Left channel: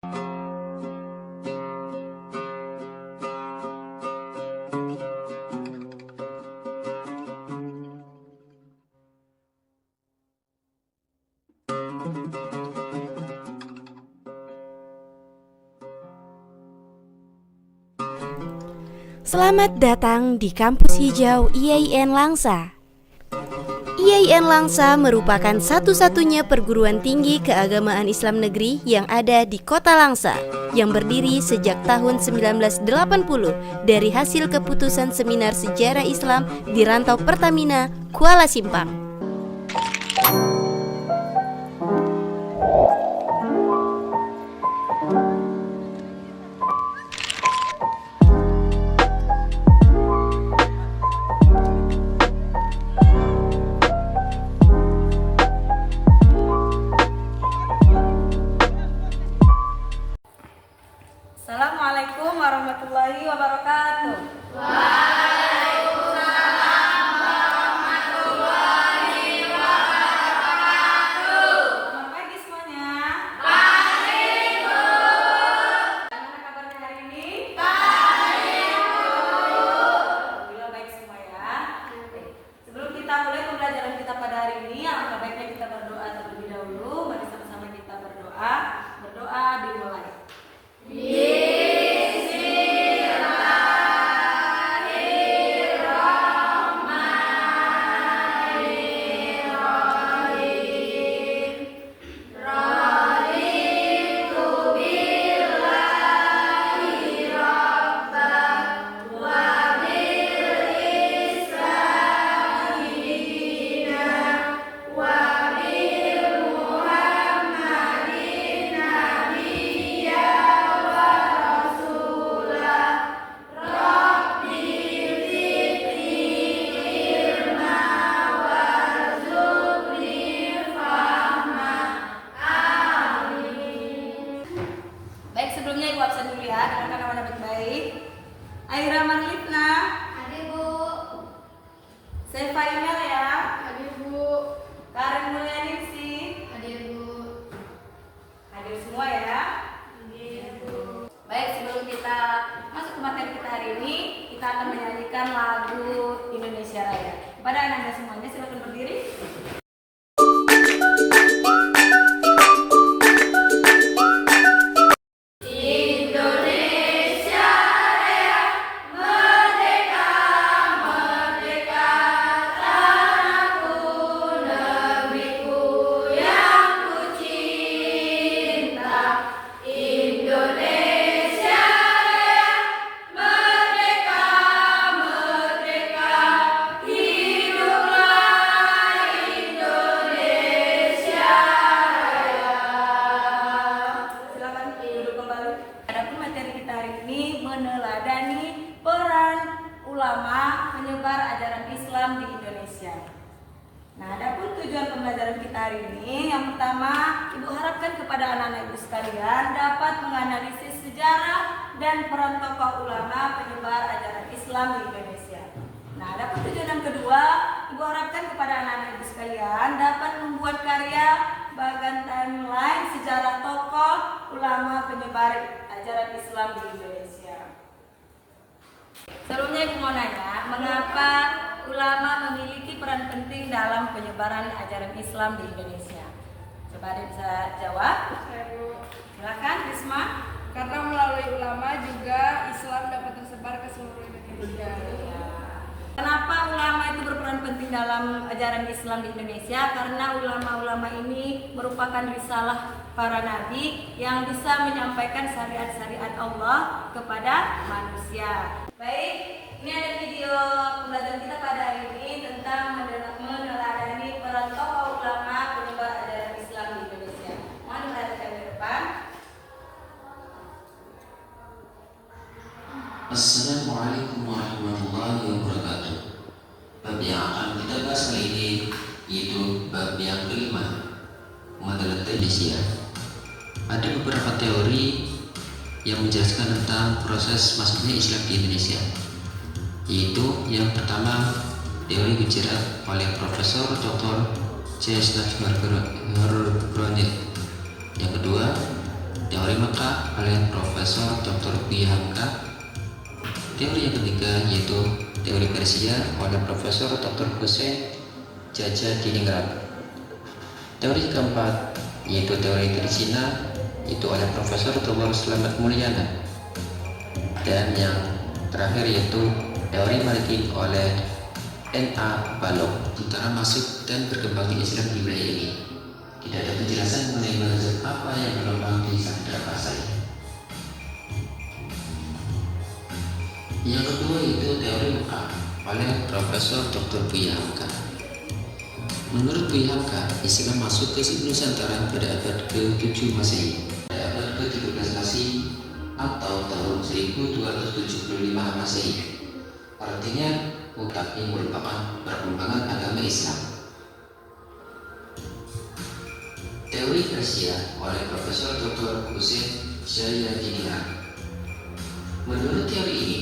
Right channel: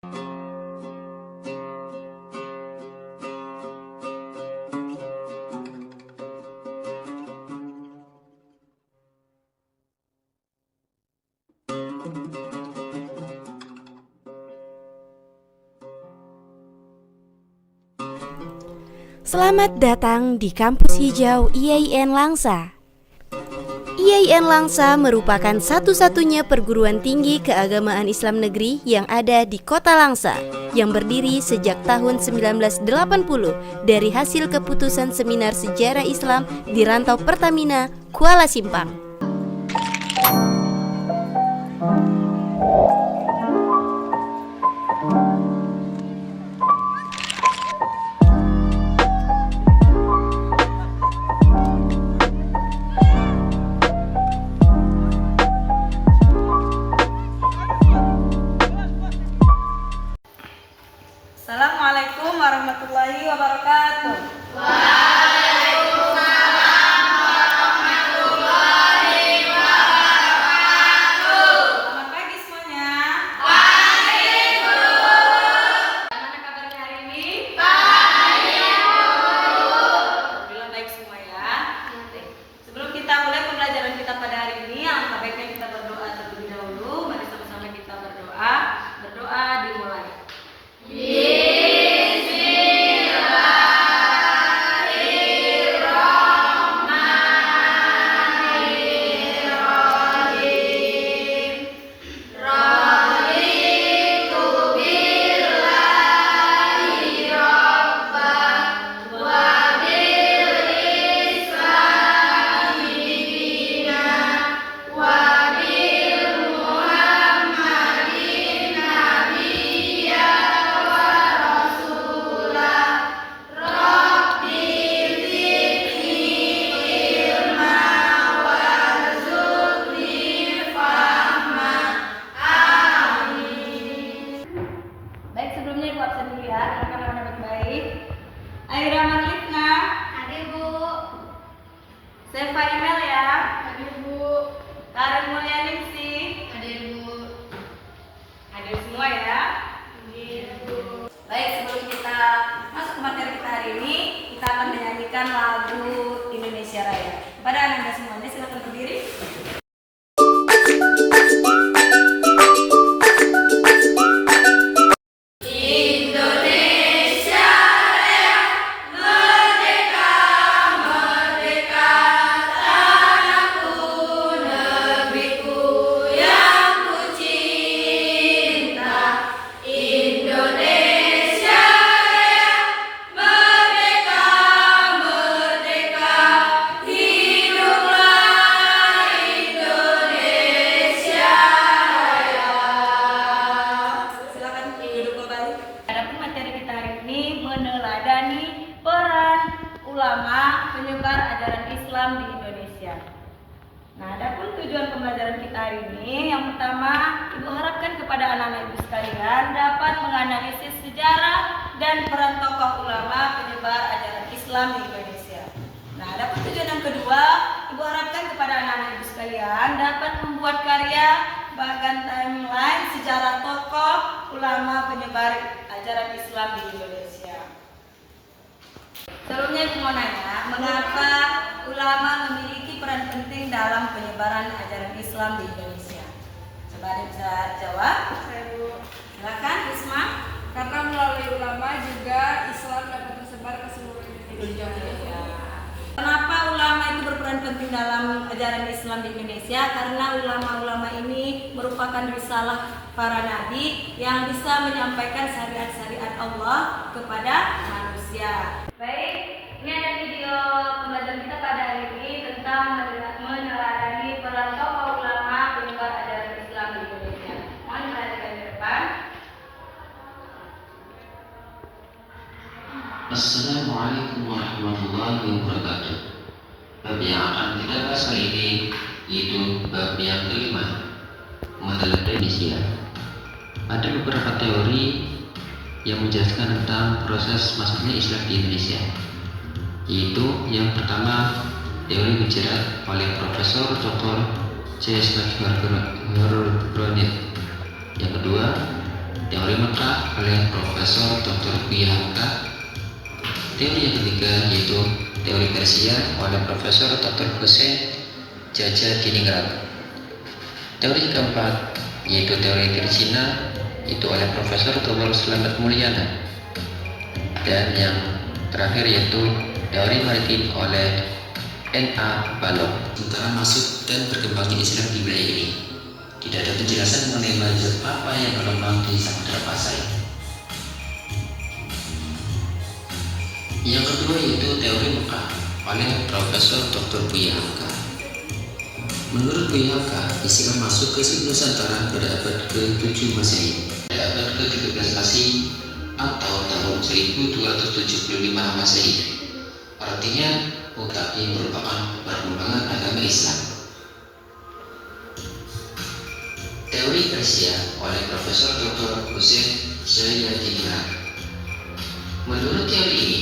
Selamat datang di Kampus Hijau IAIN Langsa. IAIN Langsa merupakan satu-satunya perguruan tinggi keagamaan Islam negeri yang ada di Kota Langsa, yang berdiri sejak tahun 1980 dari hasil keputusan Seminar Sejarah Islam di Rantau Pertamina, Kuala Simpang. Assalamualaikum warahmatullahi wabarakatuh. Waalaikumsalam warahmatullahi wabarakatuh. Selamat pagi semuanya. Pagi, Bu. Bagaimana kabarnya hari ini? Pagi, Bu. Alhamdulillah baik semua ya. Sebelum kita mulai pembelajaran kita pada hari ini, alangkah baiknya kita berdoa terlebih dahulu. Mari sama-sama kita berdoa. Berdoa dimulai. Sebelumnya ibu absen dulu ya, dengarkan namanya baik-baik. Aira Marlitna. Hadir, Bu. Selva Emel ya. Hadir, Bu. Karen Mulyaningsi. Hadir, Bu. Hadir semua ya. Hadir, Bu. Baik, sebelum kita masuk ke materi kita hari ini, kita akan menyanyikan lagu Indonesia Raya. Kepada anda semuanya silakan berdiri. Meneladani peran ulama penyebar ajaran Islam di Indonesia. Nah, adapun tujuan pembelajaran kita hari ini, yang pertama, Ibu harapkan kepada anak-anak Ibu sekalian dapat menganalisis sejarah dan peran tokoh ulama penyebar ajaran Islam di Indonesia. Nah, adapun tujuan yang kedua, Ibu harapkan kepada anak-anak Ibu sekalian dapat membuat karya bagan timeline sejarah tokoh ulama penyebar ajaran Islam di Indonesia. Sebelumnya Ibu mau nanya, mengapa ulama memiliki peran penting dalam penyebaran ajaran Islam di Indonesia? Coba ada bisa jawab? Silakan, Risma. Karena melalui ulama juga Islam dapat tersebar ke seluruh Indonesia. Kenapa ulama itu berperan penting dalam ajaran Islam di Indonesia? Karena ulama-ulama ini merupakan risalah para nabi yang bisa menyampaikan syariat-syariat Allah kepada manusia. Baik, ini ada video pembelajaran kita pada hari ini tentang meneladani peran tokoh ulama penyebar ajaran Islam di Indonesia. Mohon diperhatikan di depan. Assalamualaikum warahmatullahi wabarakatuh. Bab yang akan kita bahas kali ini yaitu bab yang kelima, meneladani Indonesia. Ada beberapa teori yang menjelaskan tentang proses masuknya Islam di Indonesia, yaitu yang pertama teori bicara oleh Profesor Dr. C. Granit. Yang kedua Teori Mekah oleh Profesor Dr. Buya Hamka. Teori yang ketiga yaitu teori Persia oleh Profesor Dr. Hussein Jaja Diningrat. Teori keempat yaitu teori Cina itu oleh Profesor Dr. Slamet Mulyana. Dan yang terakhir yaitu teori maritim oleh N.A. Balog. Tentang masuk dan berkembangnya Islam di wilayah ini, tidak ada penjelasan mengenai mazhab apa yang berkembang di Samudra Pasai. Yang kedua yaitu teori Mekah oleh Profesor Dr. Buya Hamka. Menurut Buya Hamka, Islam masuk ke Nusantara pada abad ke-7 Masehi, pada abad ke-13 Masehi atau tahun 1275 Masehi. Artinya, mutakin merupakan perkembangan agama Islam. Teori Persia oleh Profesor Dr. Hussein Jaja Diningrat. Menurut teori ini,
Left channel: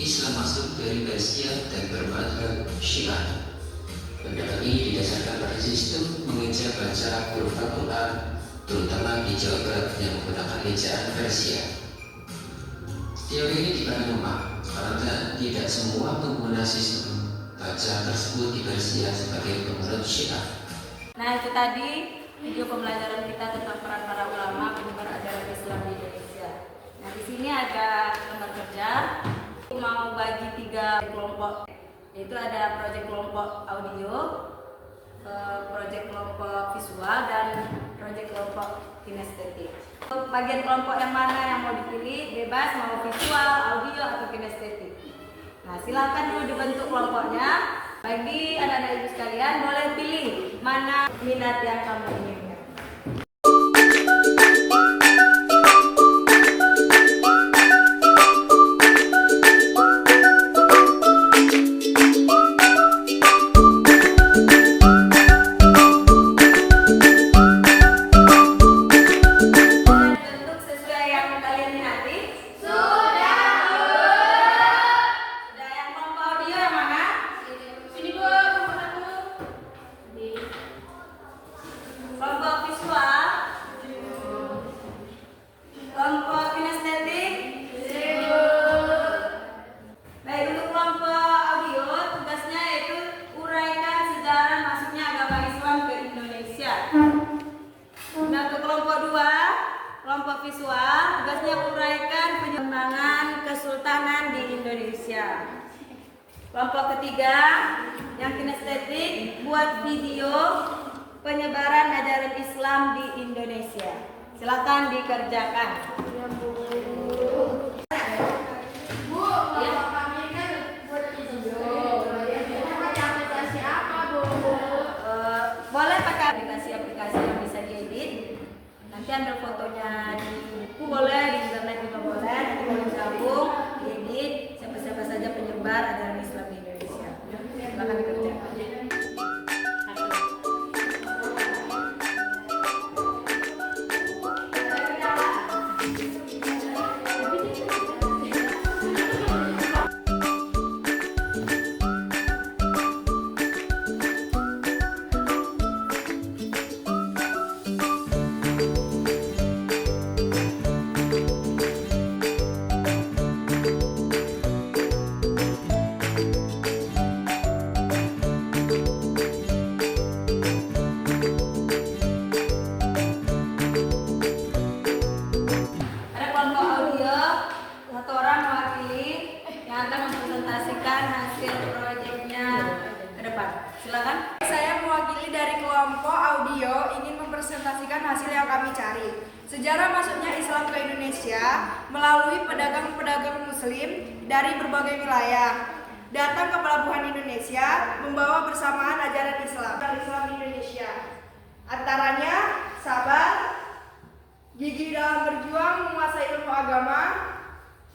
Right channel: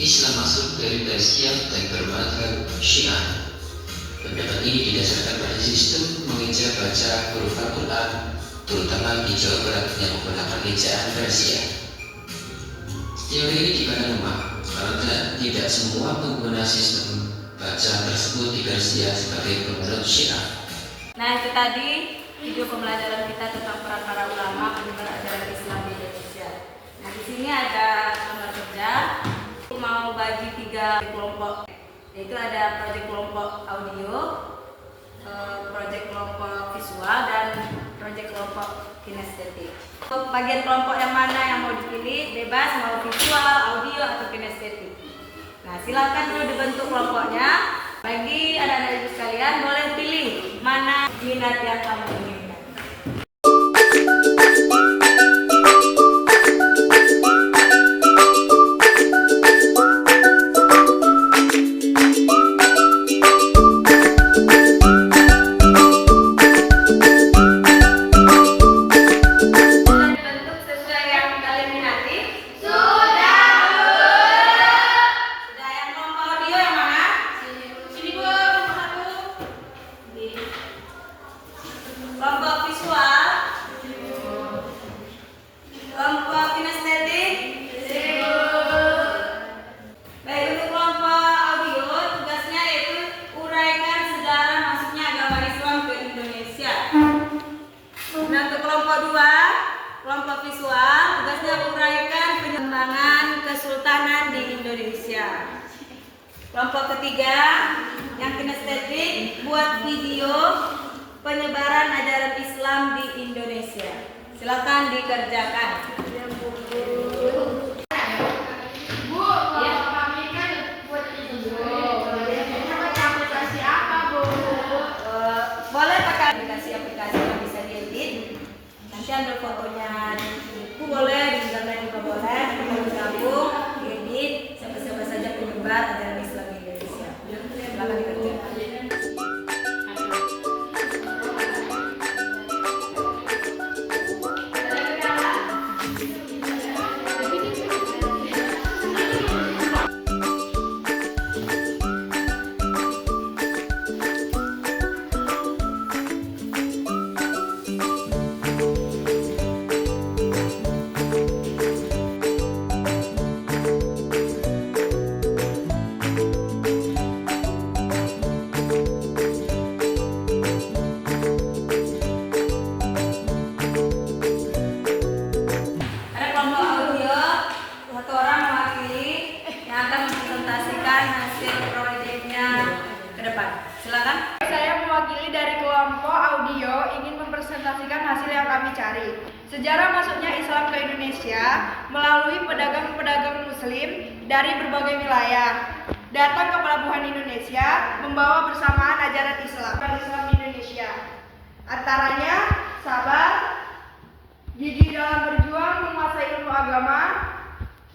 Islam masuk dari Persia dan bermadzhab Syiah. Pendapat ini didasarkan pada sistem mengeja baca huruf Al-Quran, terutama di Jawa Barat yang menggunakan ejaan Persia. Teori ini dipandang lemah karena tidak semua pengguna sistem baca tersebut di Persia sebagai penganut Syiah. Nah, itu tadi video pembelajaran kita tentang peran para ulama penyebar ajaran Islam di Indonesia. Nah, di sini ada lembar kerja. Mau bagi 3 kelompok, yaitu ada proyek kelompok audio, proyek kelompok visual, dan proyek kelompok kinestetik. Untuk bagian kelompok yang mana yang mau dipilih, bebas mau visual, audio, atau kinestetik. Nah, silakan dulu dibentuk kelompoknya. Bagi anak-anak ibu sekalian, boleh pilih mana minat yang kamu inginkan. Kelompok visual, kelompok kinestetik. Baik, untuk kelompok audio tugasnya yaitu uraikan sejarah masuknya agama Islam ke Indonesia. Nah, untuk kelompok 2, kelompok visual, tugasnya uraikan pengembangan kesultanan di Indonesia. Kelompok ketiga, yang kinestetik, buat video penyebaran ajaran Islam di Indonesia. Silakan dikerjakan. Bu, kalau kami kan buat video. Aplikasi apa, Bu? Boleh pakai aplikasi yang bisa diedit. Nanti ambil fotonya di buku boleh, di internet juga boleh. Nanti kalau gabung, edit, siapa-siapa saja penyebar ajaran Islam di Indonesia. Silakan dikerjakan. Akan mempresentasikan hasil proyeknya ke depan. Silakan. Saya mewakili dari kelompok audio ingin mempresentasikan hasil yang kami cari. Sejarah masuknya Islam ke Indonesia melalui pedagang-pedagang muslim dari berbagai wilayah. Datang ke pelabuhan Indonesia membawa bersamaan ajaran Islam Indonesia. Antaranya sabar, gigih dalam berjuang menguasai ilmu agama,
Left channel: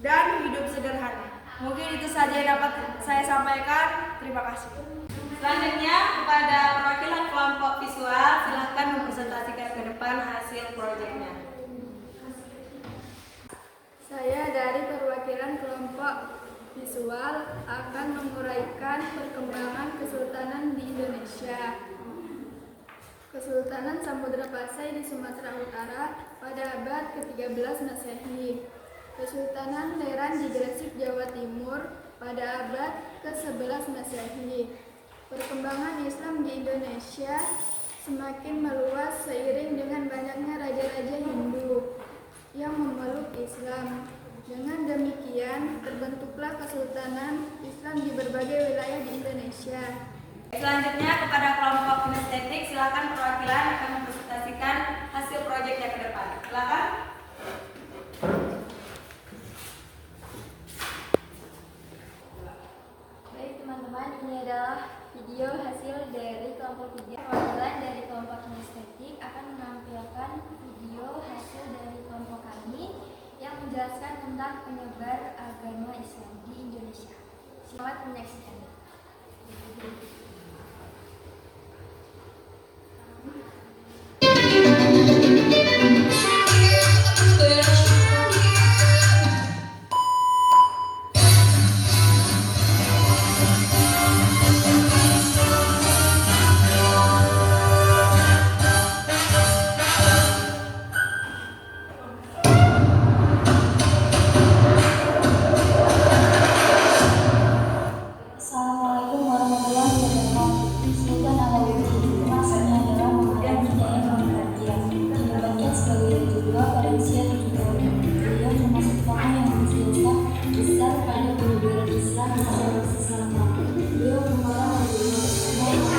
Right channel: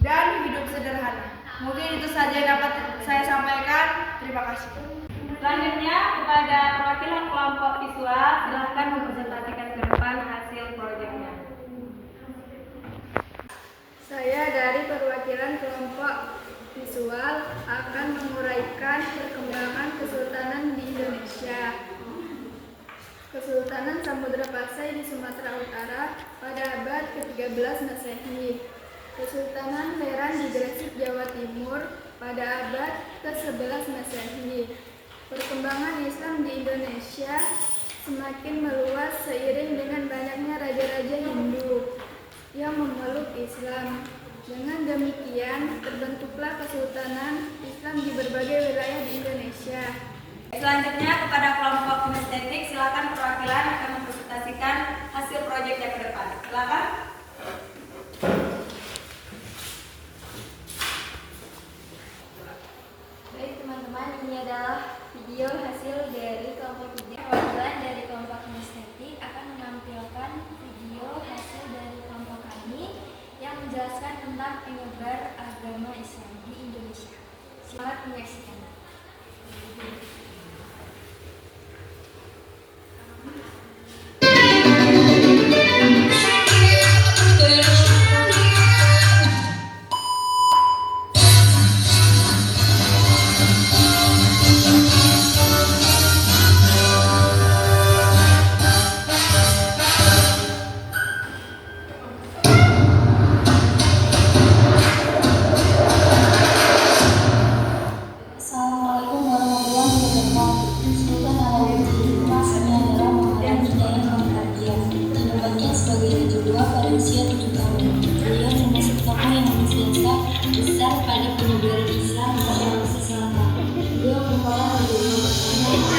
dan hidup sederhana. Mungkin itu saja yang dapat saya sampaikan. Terima kasih. Selanjutnya kepada perwakilan kelompok visual, silakan mempresentasikan ke depan hasil proyeknya. Saya dari perwakilan kelompok visual akan menguraikan perkembangan kesultanan di Indonesia. Kesultanan Samudra Pasai di Sumatera Utara pada abad ke-13 Masehi. Kesultanan Leran di Gresik, Jawa Timur pada abad ke-11 Masehi. Perkembangan Islam di Indonesia semakin meluas seiring dengan banyaknya raja-raja Hindu yang memeluk Islam. Dengan demikian, terbentuklah Kesultanan Islam di berbagai wilayah di Indonesia. Selanjutnya kepada kelompok kinestetik, silakan perwakilan akan mempresentasikan hasil proyeknya ke depan. Silakan. Baik teman-teman, ini adalah video hasil dari kelompok 3. Perwakilan dari kelompok kinestetik akan menampilkan video hasil dari kelompok kami yang menjelaskan tentang penyebar agama Islam di Indonesia. Selamat menyaksikan. Assalamualaikum warahmatullahi wabarakatuh. Sultan Alauddin maksudnya adalah mengalami hidayah pengertian. Berbahagia sebagai raja dua pada usia 7 tahun. Beliau termasuk tokoh yang berjasa besar pada penyebaran Islam di Sulawesi Selatan. Beliau merupakan raja dua pertama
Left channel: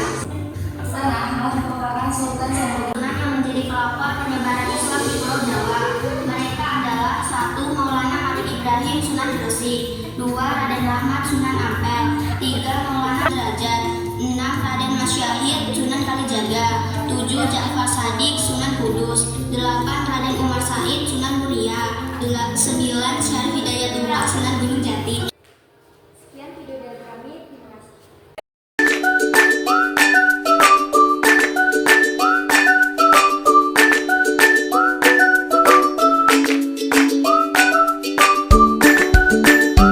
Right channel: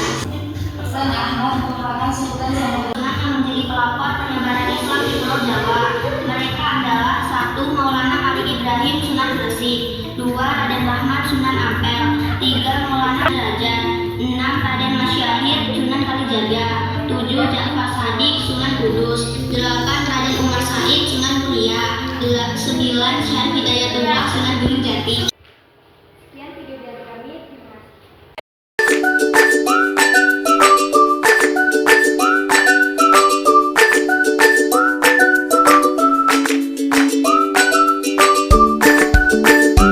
Hasan Ahmad merupakan sultan yang menjadi pelopor penyebaran Islam di Pulau Jawa. Mereka adalah 1. Maulana Malik Ibrahim Sunan Gresik, 2. Raden Rahmat Sunan Ampel, 3. Maulana Derajat, 6. Raden Masyahid Sunan Kalijaga, 7. Ja'far Shadiq Sunan Kudus, 8. Raden Umar Said Sunan Muria, 9. Syarif Hidayatullah Sunan Gunung Jati. Sekian video dari kami, terima kasih.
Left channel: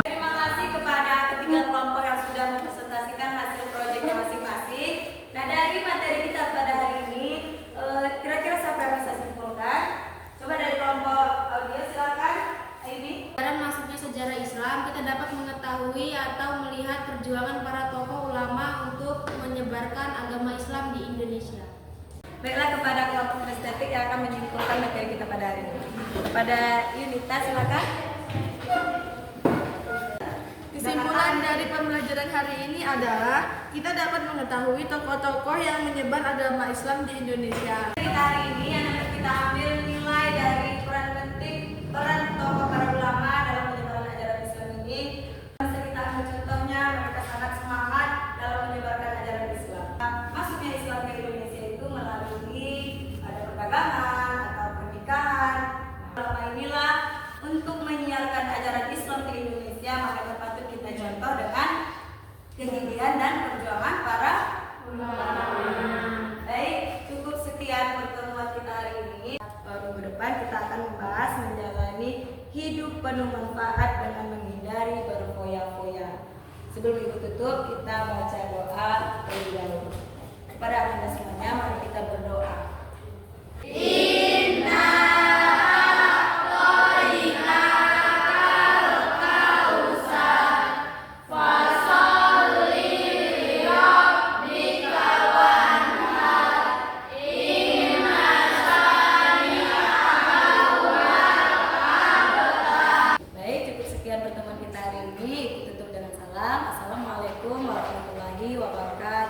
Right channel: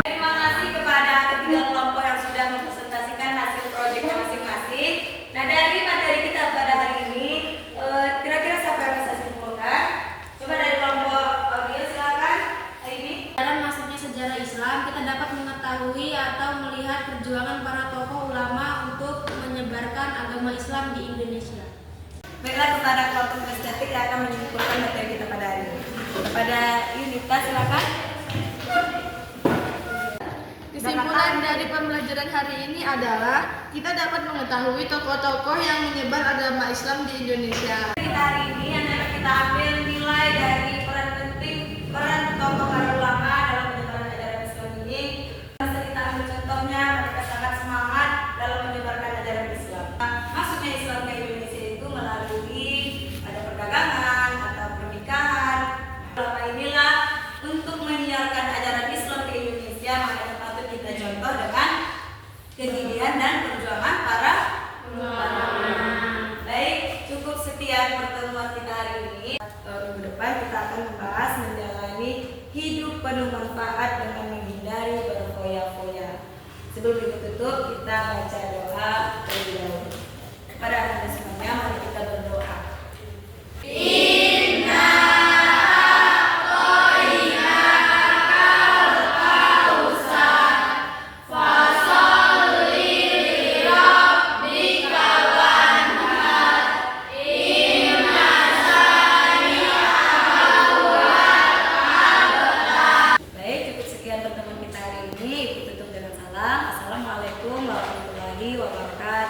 Terima kasih kepada ketiga kelompok yang sudah mempresentasikan hasil proyeknya masing-masing. Nah, dari materi kita pada hari ini, kira-kira siapa yang bisa simpulkan? Coba dari kelompok audio, silakan. Ini. Dalam masuknya sejarah Islam, kita dapat mengetahui atau melihat perjuangan para tokoh ulama untuk menyebarkan agama Islam di Indonesia. Baiklah, kepada kelompok kinestetik yang akan menyimpulkan materi kita pada hari ini. Kepada Yunita, silakan. Kesimpulan dari pembelajaran hari ini adalah kita dapat mengetahui tokoh-tokoh yang menyebar agama Islam di Indonesia. Kita hari ini akan kita ambil nilai dari peran penting peran tokoh para ulama dalam penyebaran ajaran Islam ini. Bisa kita ambil contohnya, mereka sangat semangat dalam menyebarkan ajaran Islam. Masuknya Islam ke Indonesia itu melalui ada perdagangan atau pernikahan. Ulama inilah untuk menyiarkan ajaran Islam ke Indonesia, makanya patut kita contoh dengan kegigihan dan perjuangan para ulama. Baik, cukup sekian pertemuan kita hari ini. Minggu depan kita akan membahas menjalani hidup penuh manfaat dengan menghindari berfoya-foya. Sebelum itu tutup, kita baca doa terlebih dahulu. Kepada anda semuanya, mari kita berdoa. Baik, cukup sekian pertemuan kita hari ini. Ibu tutup dengan salam. Assalamualaikum warahmatullahi wabarakatuh.